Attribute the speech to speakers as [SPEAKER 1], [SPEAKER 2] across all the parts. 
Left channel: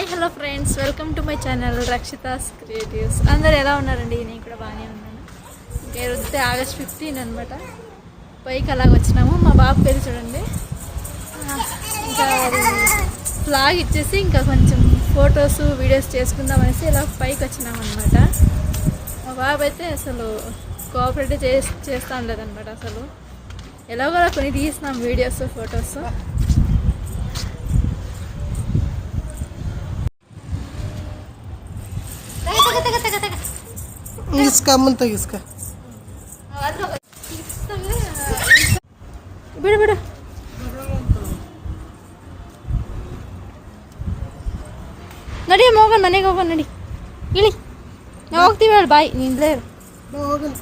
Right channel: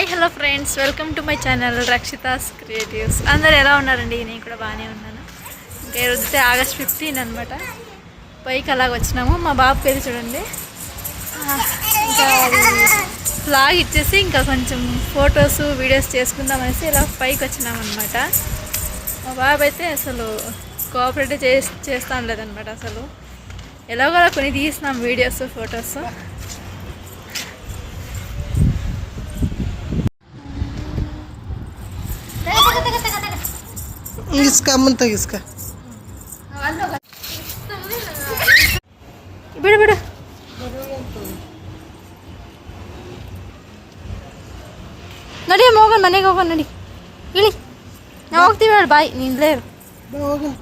[SPEAKER 1] Hi hello friends. Welcome to my channel Rakshitha's creatives. అందరు ఎలా ఉన్నారండి? నేను కూడా బాగానే ఉన్నాను. ఇంకా ఈరోజు ఆగస్ట్ ఫిఫ్టీన్ అనమాట పైకి అలాగ వచ్చినాము. మా బాబు పేరు చూడండి. ఇంకా ఫ్లాగ్ ఇచ్చేసి ఇంకా కొంచెం ఫొటోస్ వీడియోస్ చేసుకుందామనేసి ఇలా పైకి వచ్చినాం అనమాట మా బాబు అయితే అసలు కోఆపరేట్ చే చేస్తాం లేదనమాట అసలు. ఎలాగోలా కొన్ని తీసినాం వీడియోస్ ఫొటోస్
[SPEAKER 2] ಇಸ್ಕ ಮುಂತ ಇಸ್ಕ.
[SPEAKER 1] ಬಿಡು ಬಿಡು. ನಡಿ ಹೋಗೋಣ ಮನೆಗೆ ಹೋಗೋಣ ನಡಿ. ಇಳಿ. ನಾವು ಹೋಗ್ತೀವಿ ಹೇಳಿ ಬಾಯ್. ನಿಂದ್ಲೇ
[SPEAKER 2] ಹೋಗೋಣ.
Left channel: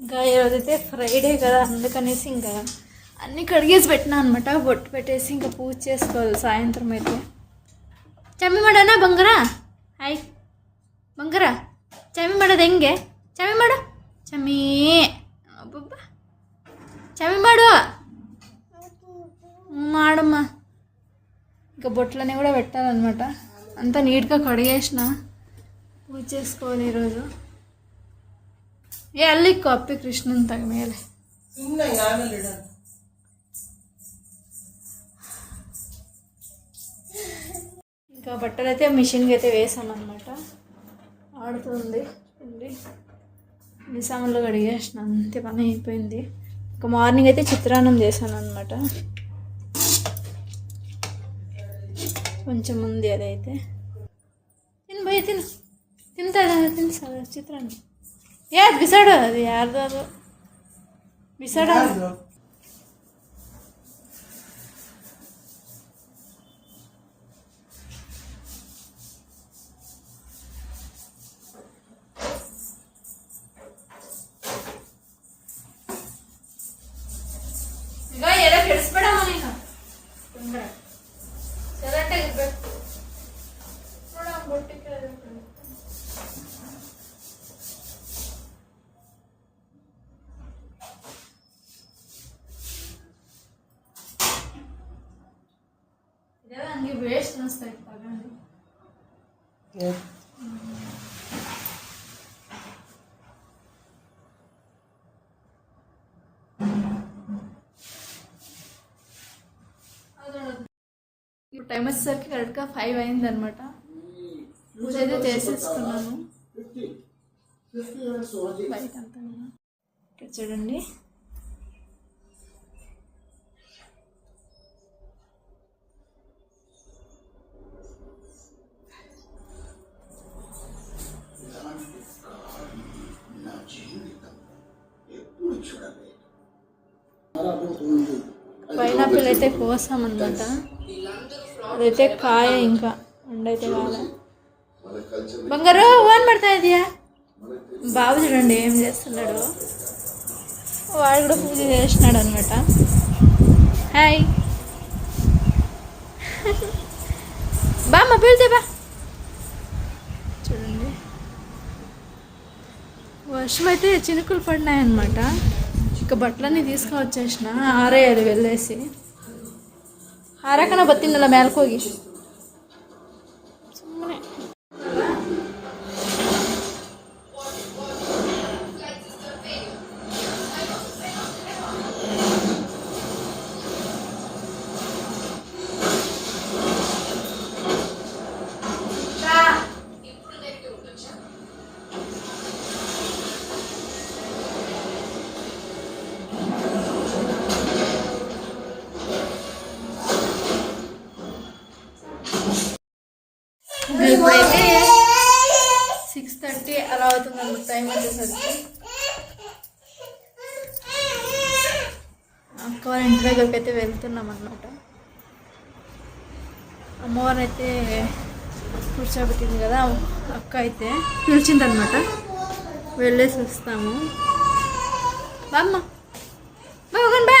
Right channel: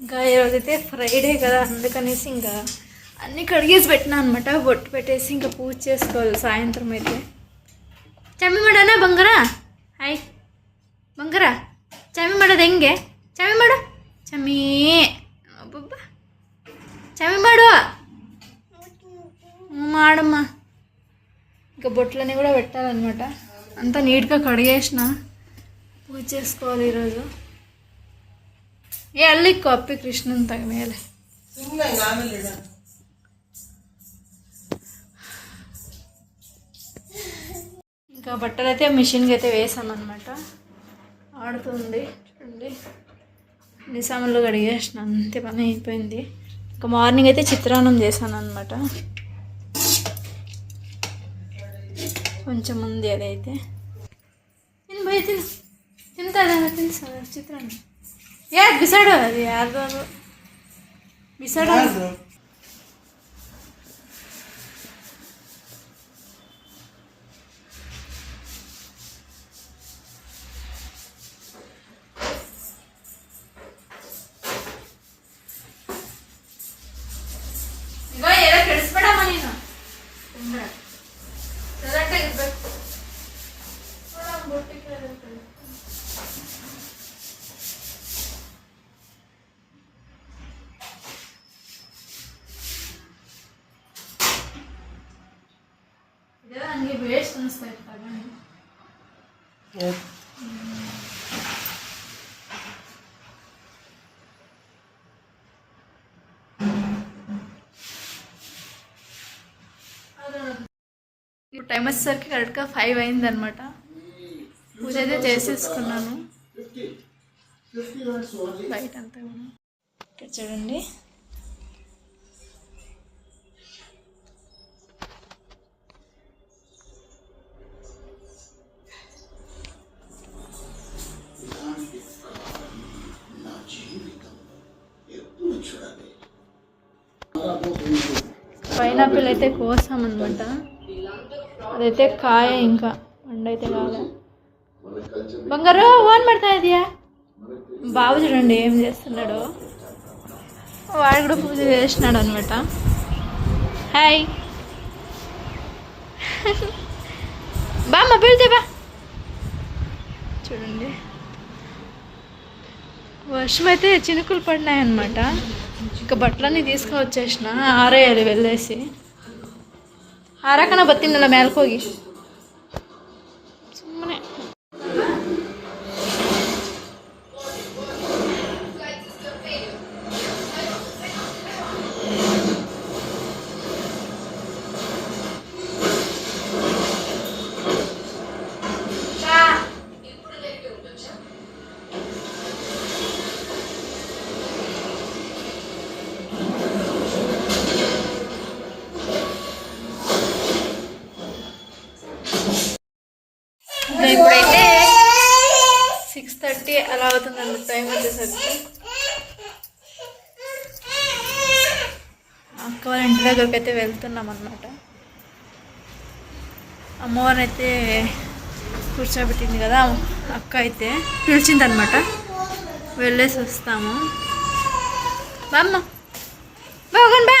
[SPEAKER 1] ఇంకా ఈరోజైతే ఫ్రైడే కదా అందుకనేసి ఇంకా అన్నీ కడిగేసి పెట్టినా అనమాట బొట్టు పెట్టేసి ఇంకా పూజ చేసుకోవాలి సాయంత్రం అయితే. చమ్మిమడనా బంగరా? హాయ్. బంగారా? చమ్మిమడది ఎంగే చమ్మిమడ చమ్మీ అబ్బబ్బా. చమ్మిమాడు మాడమ్మా. ఇంకా బొట్లని కూడా పెట్టాలన్నమాట. అంతా నీట్గా కడిగేసిన. పూజ చేసుకోవాలి ఈరోజు. ఏ ಅಲ್ಲಿ ಕಾಪಿ ಕೃಷ್ಣನ್ ತಗ ಮೇಲೆ
[SPEAKER 2] ಸುಮ್ಮನೆ ಆಮೇಲೆ ಇಡ
[SPEAKER 1] ఇంకా బట్టలు అయితే మిషన్కి అయితే వేసామన్నమాట ఆడుతుంది చూడండి నిసాములు కడిగేసిన అంతే పని అయిపోయింది ఇంకా మార్నింగ్ అయితే చిత్రాన్నం చేశాను అనమాట కొంచెం ఉంది అదైతే తిని పోయి తిను తింటాడా తిను ಏ ಅದು ಬಿಸಾಡು ಅದು ಯಾರ್ದು ಅದು ಬಿಸಾಡು ಇವಾಗ ಎಲ್ಲ ಕೆಡಿಸ್ಬೇಡಮ್ಮ ನೀನು ನನಗೆ ವೇಸ್ಟ್ ಅನಿಸ್ತಾ ಇತ್ತು ತಗೊಂಡು ఇప్పుడు టైం వచ్చేసరికి కరెక్ట్గా ఫైవ్ అయింది అనమాట పూజ అయితే చేసేసుకున్నాను బయట అంతా కూడా ఇక్కడ చూడండి పైనాపిల్ అయితే కోసామన్నమాట అదైతే కాయ ఇంకా వండైతే కాలే. బంగారు ఓన్ పడతా ఇదియా బాబు చూడండి ఏం చేస్తున్నాడు. వాడు కూడా పూజ చేసినాడు అనమాట హాయ్. బా మా పిలితే బా చూడండి. వర్షం అయితే చినుకులు పడినాయి అనమాట ఇక బట్టలన్నీ తీసుకువచ్చేసిన. ఆరేయాలి వెళ్ళేసి. ఆరాకన బతిందల మేలకోగి. థర్టీ అలా అవుతుంది అన్నమాట టైం వచ్చేసరికి. అక్క వాళ్ళ ఇంటి దగ్గరికి అయితే వెళ్తున్నాం అనమాట అమ్మవారిని అయితే కూర్చోబెట్టింది కదా అక్క అయితే పిలిచిందనమాట వెళ్ళేసి వస్తాము. బామ్మ బాగుంది బా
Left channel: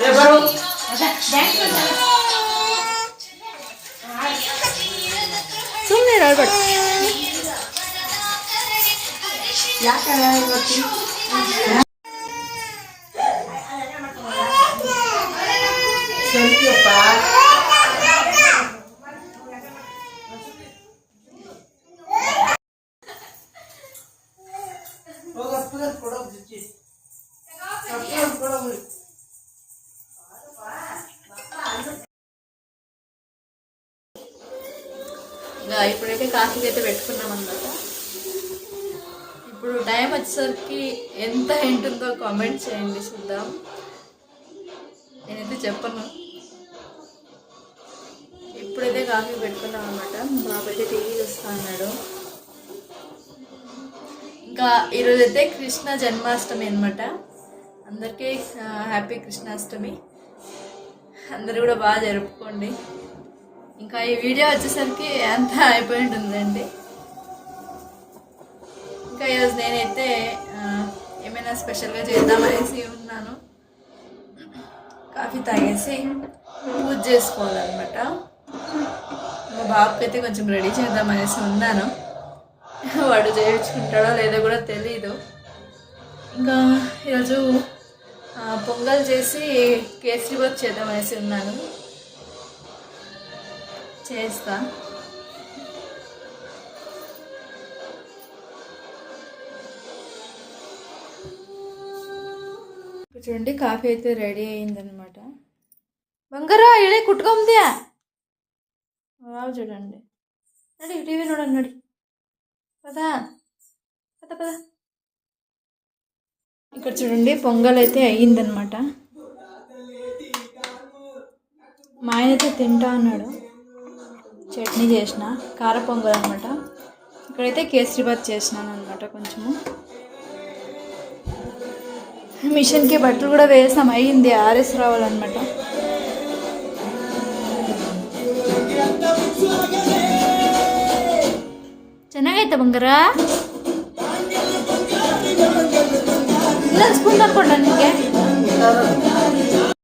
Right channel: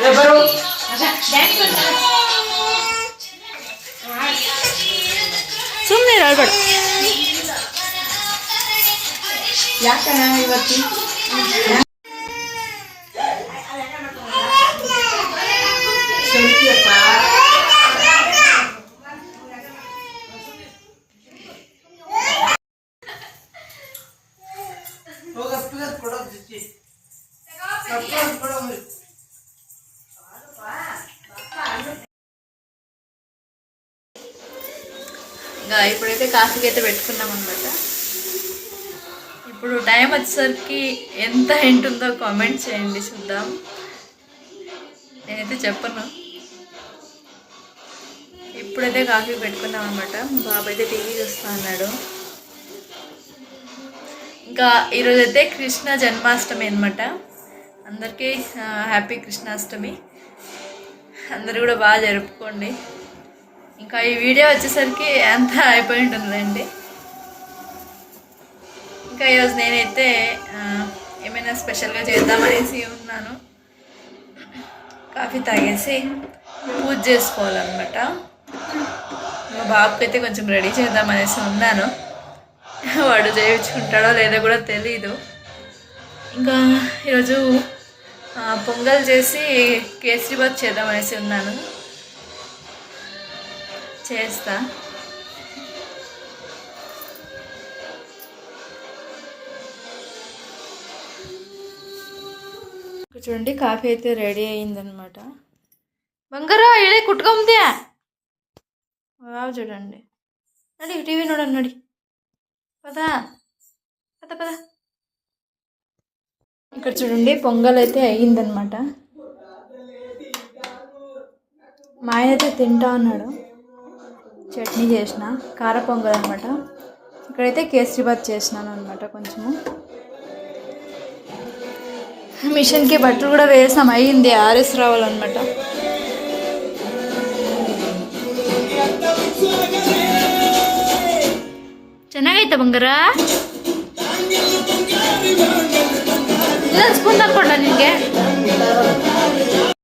[SPEAKER 3] ಏ ಬರು
[SPEAKER 1] ಸುಮ್ಮನೆ ಹೇಳ್ಬೇಡ
[SPEAKER 2] ಹೋಗ ಅಪ್ಪಗೆ ಕೊಡೋದು ಜಿಚ್ಚಿ ಅಪ್ಪಗೆ ಕೊಡೋದು
[SPEAKER 1] ఇంకా ఇప్పుడైతే కాఫీకి అయితే పెట్టుకున్నాం అనమాట ఇప్పుడు టైం వచ్చేసరికి ఎంత ఉంటుందో కామెంట్ చేయండి చూద్దాం నేనైతే చెప్పను ఇప్పుడైతే కాఫీ పెట్టుకున్నాం అనమాట బాబు అయితే టీవీ చూస్తా అన్నాడు ఇంకా ఈరోజు అయితే కృష్ణ జన్మాష్టమి అనమాట అందరికీ హ్యాపీ కృష్ణాష్టమి. అందరూ కూడా బాగా జరుపుకోండి. ఇంకా ఈ వీడియో వచ్చేసరికి అంతా అయిపోయి ఉంటుందండి ఇంకా ఈరోజు నేనైతే ఏమైనా స్పెషల్గా చేద్దామనేసి ఉన్నాను. కాఫీ తాగేసి పూజ చేసుకోవాలన్నమాట. మా బాబుకి అయితే కొంచెం రెడీ చేద్దామనేసి ఉన్నాను. వాడు చేయించుకుంటాడో లేదో కూడా తెలీదు. ఇంకా ఈరోజు పొంగల్ చేసి కేసరి బాత్ చేద్దామనేసి ఉన్నాను. చేస్తా. చూడండి కాఫీ అయితే రెడీ అయిందనమాట బంగారా ఏడే కుట్టుకుందా చూడండి. నడి టీవీ నోడన్నాడు పద. పద పద. ఇక్కడ చూడండి పొంగల్ అయితే అయ్యిందనమాట మా ఆయన అయితే తింటా అన్నాడు. చట్నీ చేసిన కార పొంగల్ అనమాట ఇక్కడైతే కేసరిబాత్ చేసినాను అనమాట కొంచెము. మిషన్కి బట్టలు కూడా వేసాం అయ్యింది ఆర్ఎస్ రావాలన్నమాట. ಚೆನ್ನಾಗೈತೆ ಬಂಗಾರ? ಇಲ್ಲ ಸ್ಪೂನ್ ಹಾಕ್ಕೊಡ್ಲ ನಿನಗೆ